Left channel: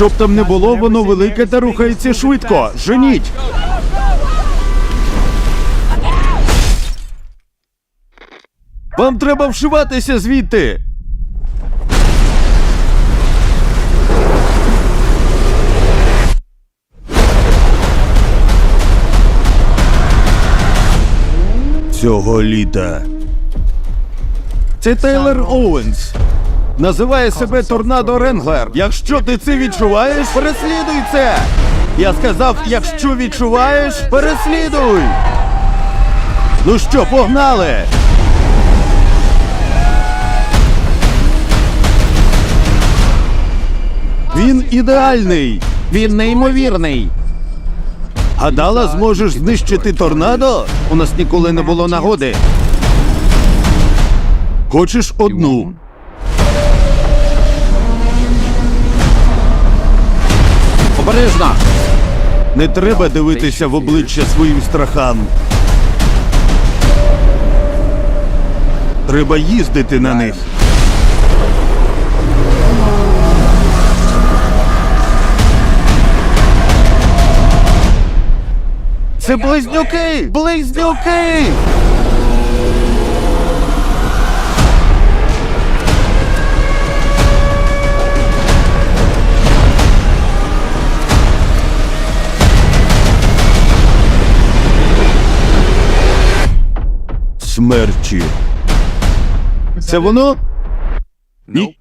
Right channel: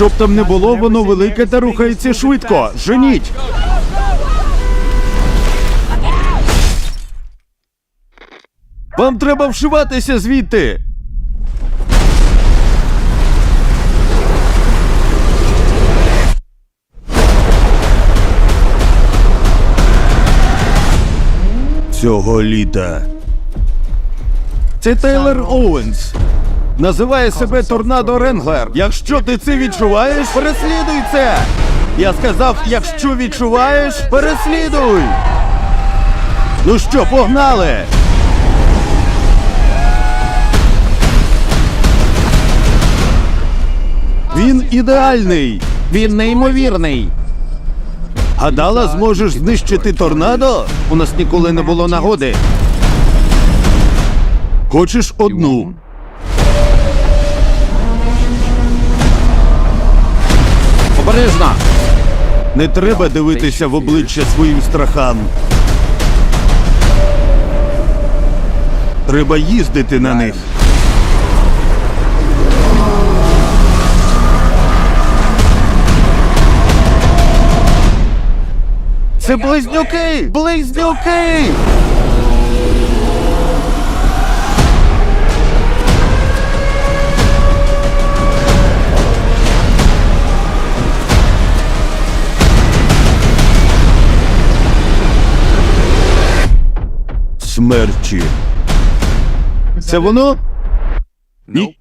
Щоб там не було, воно велике та рухається швидко. Женіть! Вам треба вшиватися звідти. Цього літа. Це Тейлор Оуенс. Називає себе Торнадо Ренглер. Якщо ти це відчуваєш, переслідуй це. Я сказав, якщо відчуваєш, переслідуй. Ну що, погнали? Він ідеальний. Він неймовірний. Гадала, зможеш знищити торнадо? У нас ніколи не було нагоди. Хочеш одну? Обережно! Не треба дивитися в обличчя своїм страхам. Треба їздити на них. Це близнюки! Близнюки! Смерчі. Це воно? Ні.